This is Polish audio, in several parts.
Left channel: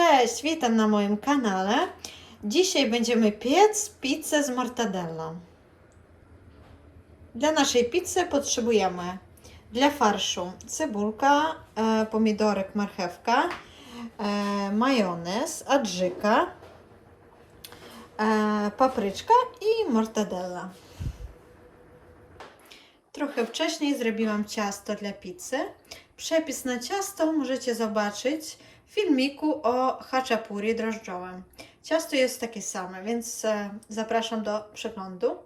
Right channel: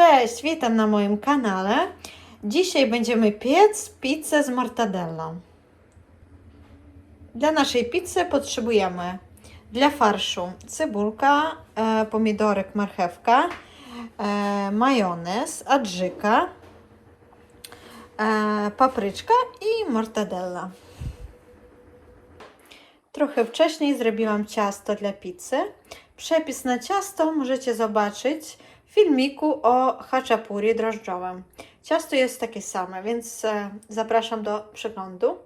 Cześć, witam na moim kanale. Dzisiaj będziemy piec pizzę z mortadellą. Dla naszej pizzy potrzebujemy dla farszu cebulka, e, pomidorek, marchewka, e, majonez, adżyka, e, papryczka i mortadella. Trochę wcześniej zrobiłam ciasto dla pizzy. Przepis na ciasto możecie zobaczyć filmiku o haczapuri drożdżowym. Ciasto jest takie same, więc e, zapraszam do przeglądu.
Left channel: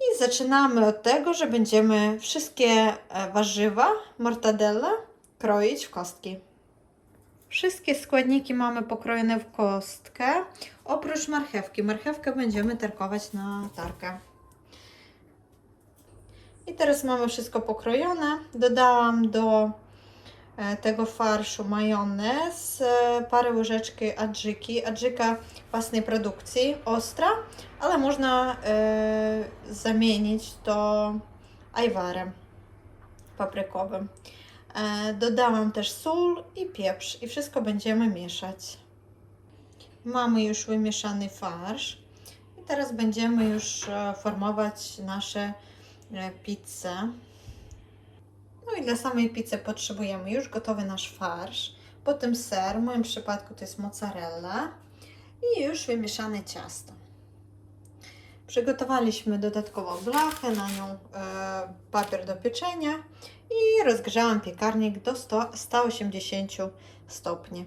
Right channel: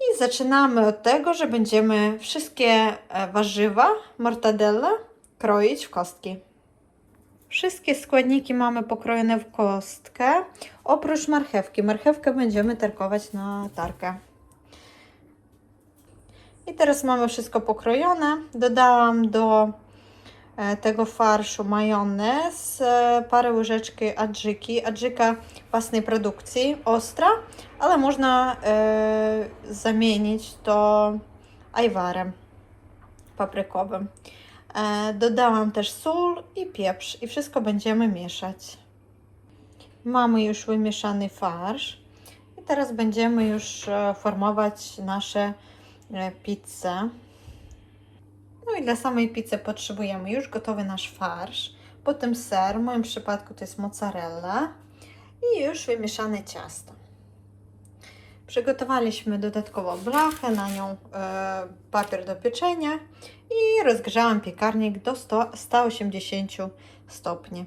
I zaczynamy od tego, że będziemy wszystkie e, warzywa, mortadella kroić w kostki. Wszystkie składniki mamy pokrojone w kostkę, oprócz marchewki. Marchewkę będziemy tarkować na tarkę. I teraz mamy wszystko pokrojone. Dodałam do tego farszu majonez, e, parę łyżeczki adżyki. Adżyka własnej produkcji, ostra, ale można e, zamienić to ajwarem paprykowym. E, dodałam też sól i pieprz i wszystko będziemy mieszać. Mamy już wymieszany farsz i teraz będziemy już e, formować nasze e, pizzę. No i dla samej pizzy potrzebujemy już gotowy nasz farsz, potem ser, w moim przypadku to jest mozzarella i już wymieszane ciasto. Przygotowaliśmy dodatkowo blachę, na nią e, papier do pieczenia i rozgrzałam piekarnik do 100, 180 stopni.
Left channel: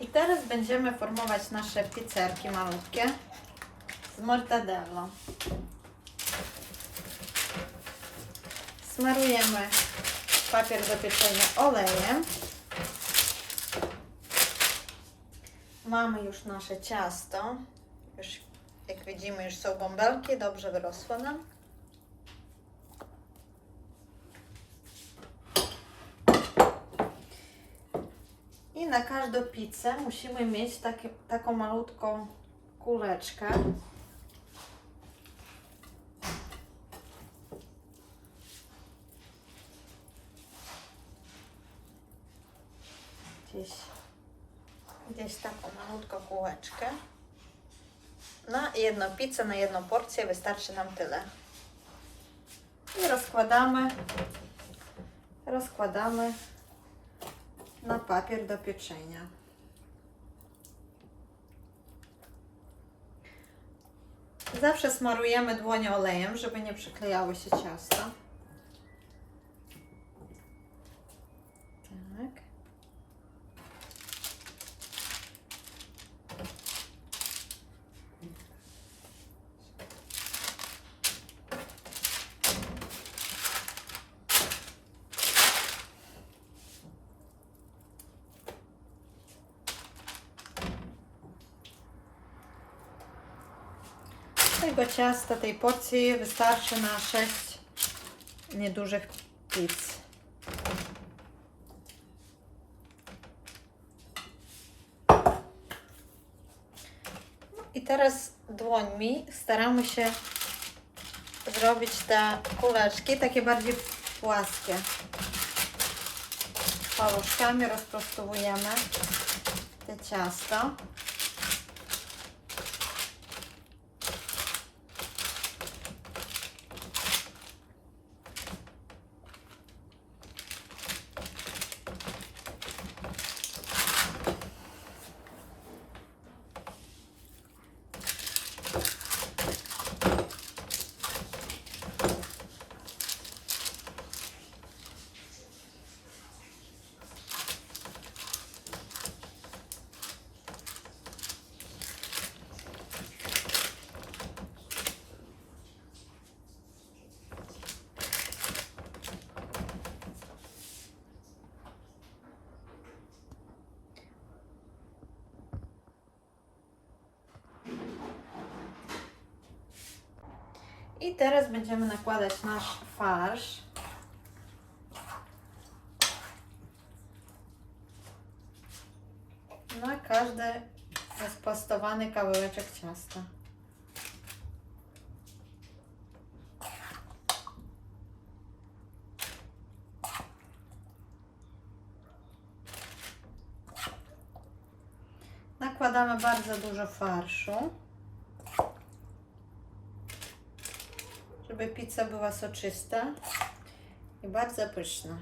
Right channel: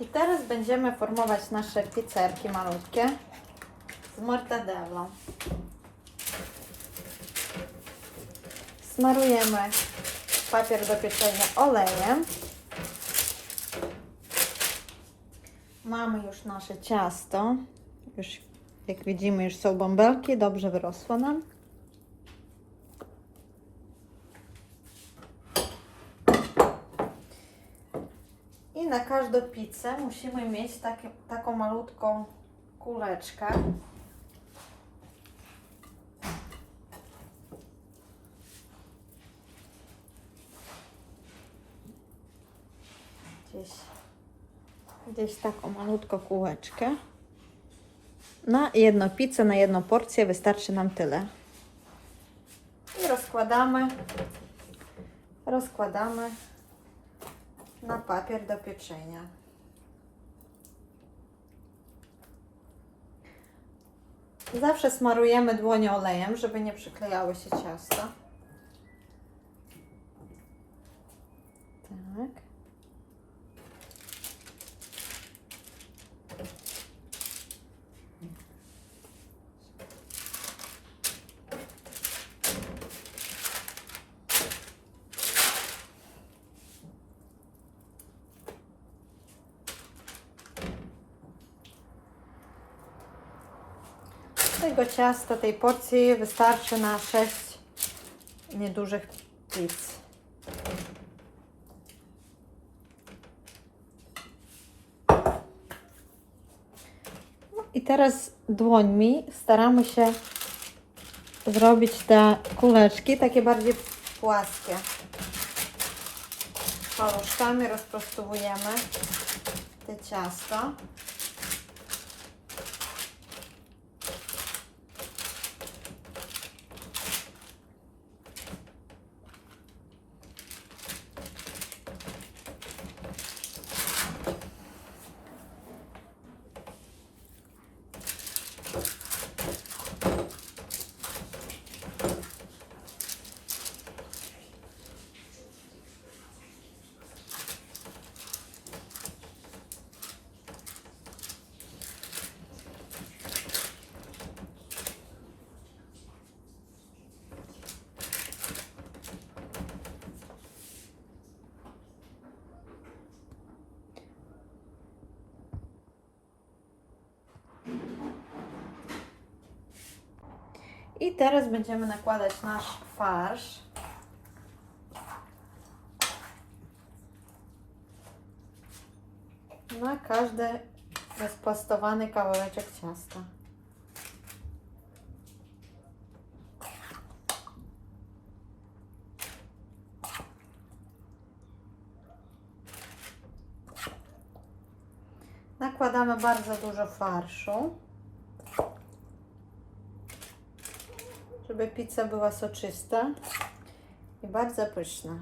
I teraz będziemy formować nasze pizzerki malutkie z mortadellą. Smarujemy papier do pieczenia olejem. Mamy już nasze ciasto. Już jak widzimy, już są bąbelki, dobrze wyrosło nam. I na każdą pizzę musimy mieć takie, taką malutką kuleczkę. Gdzieś, gdzieś taką malutką kółeczkę. Na jedną pizzę, na jedną porcję wystarczy nam tyle. I rozkładamy, rozkładamy na papier do pieczenia. Zawsze smarujemy dłonie olejem, żeby nie przyklejało się ciasto. Tak. Tego ciasta, tej porcji wystarczy na 6 niedużych pizz. No I teraz dłońmi staramy się zrobić te kuleczki takie bardziej płaskie. Paluszkami rozprostowujemy te ciasto. I teraz będziemy nakładać nasz farsz. Na każdy rozplastowany kawałeczek ciasta. Nakładamy bardzo dużo farszu. Żeby pizza była soczysta i bardzo pyszna.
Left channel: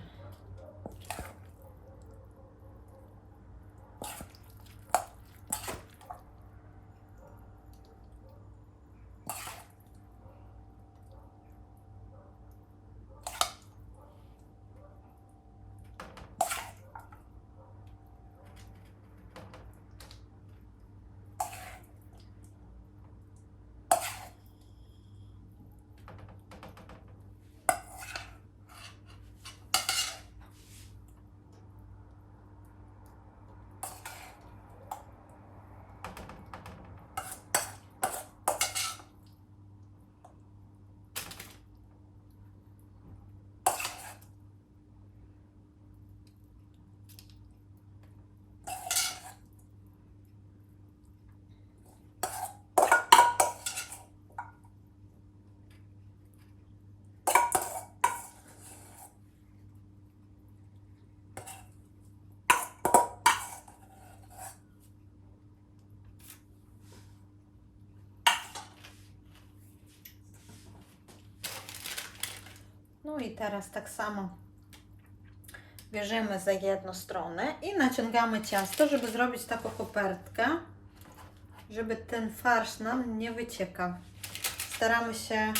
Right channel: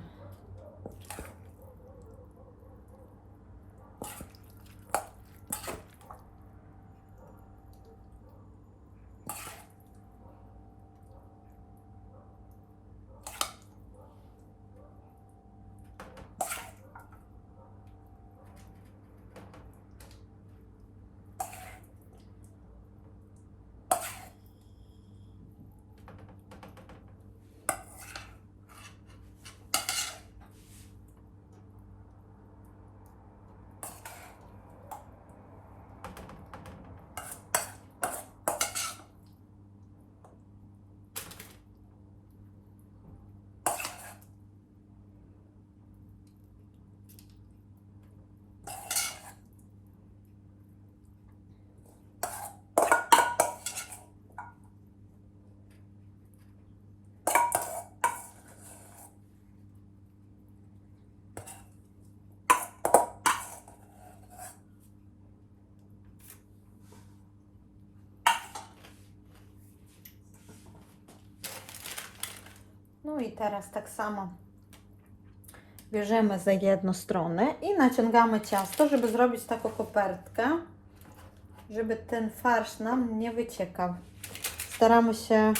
No i teraz tak samo bierzemy za jedną stronę i naciągamy ciasto, żeby zrobić taką kopertkę, żeby ten farsz nam nie wyciekał. Staramy się e,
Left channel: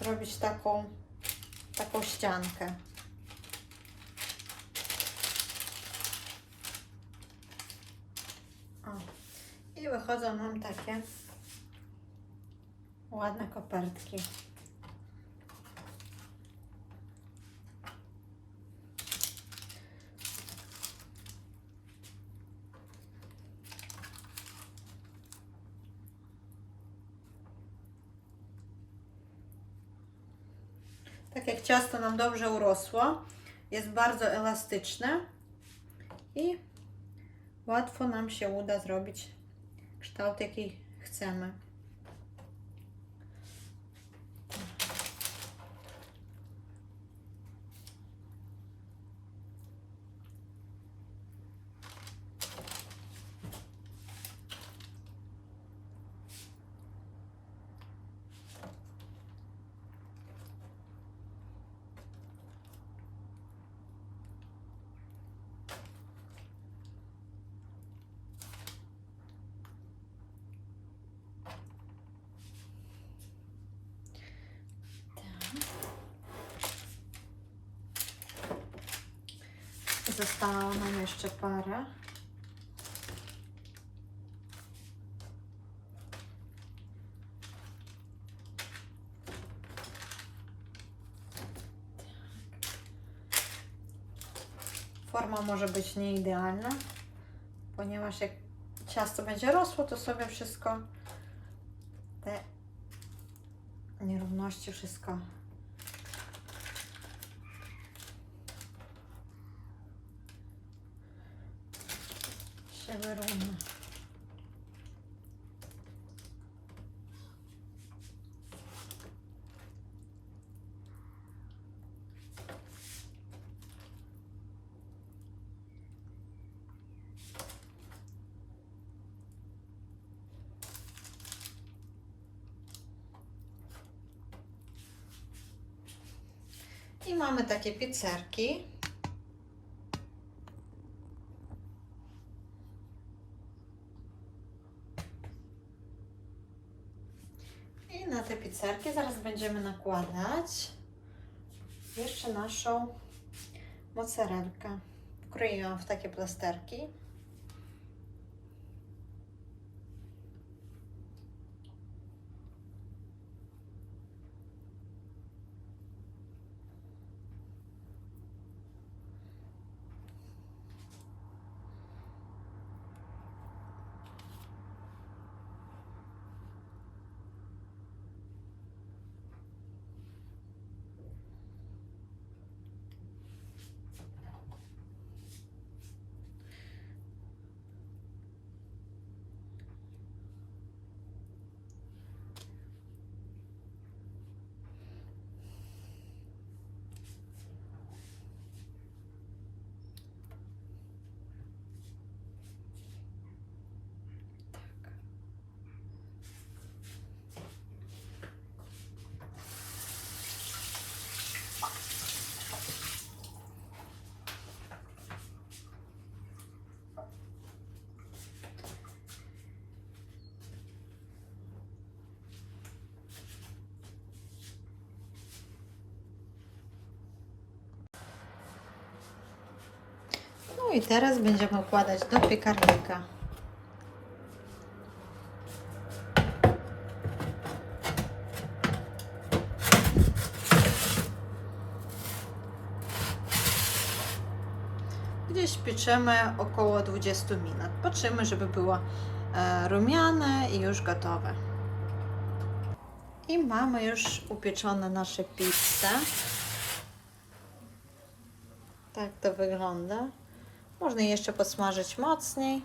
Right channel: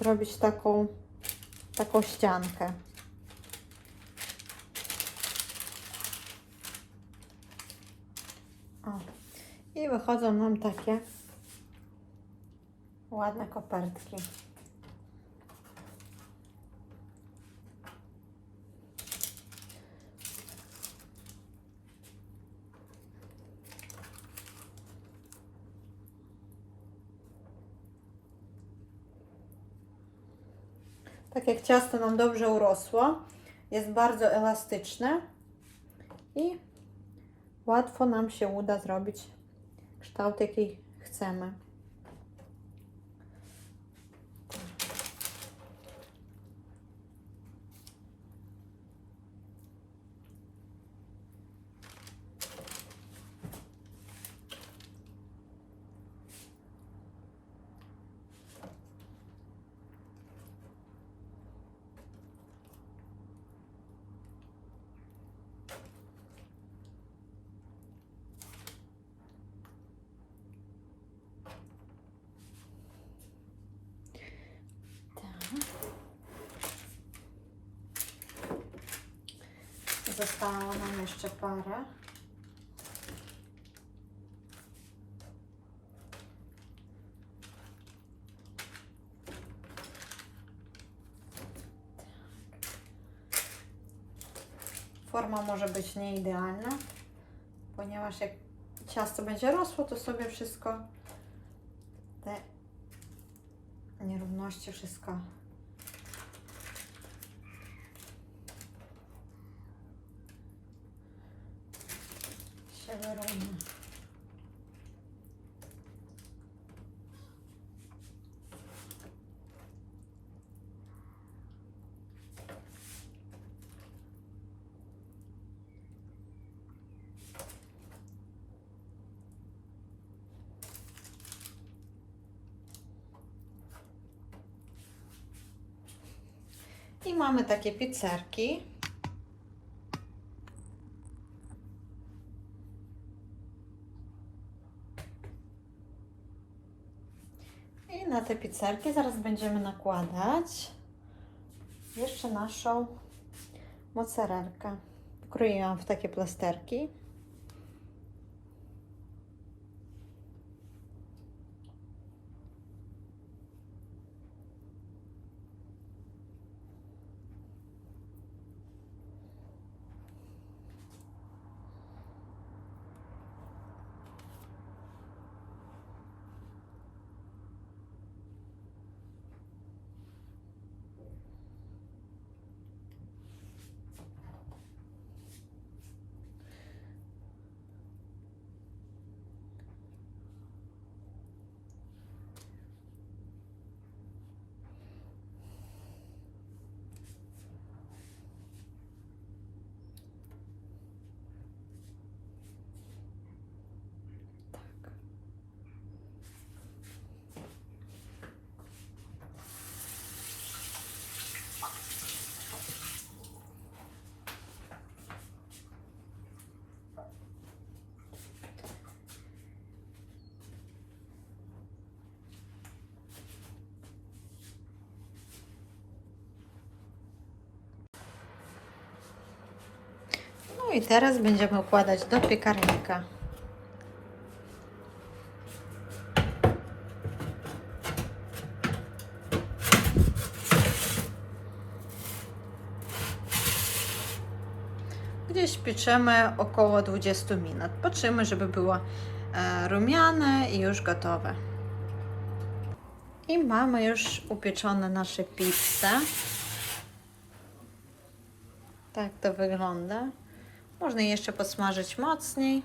zrobić taką, taką ściankę. O. I wychodzą nam takie ładne kopertki. Tak jak ciasto nam dobrze urosło, jest bardzo elastyczne i łatwo nam się uda zrobić kształt, jaki chcemy. Zostało nam jeszcze parę. Forma może być nieidealna, ponieważ jak ciasto będzie rosło, to sobie wszystko te nierówności, wszystko I mamy takie pizzerki. I na te pizzerki zaraz będziemy nakładać jeszcze naszą mozzarelkę. Wkroiłam w takie plasterki. I teraz będziemy układać do piekarnika. Gdzieś pieczemy około 20 minut. Patrzymy, żeby było e, rumiane i już gotowe. I mamy już upieczone nasze pizze. Tak to wygląda. Można jeszcze posmażyć mocniej.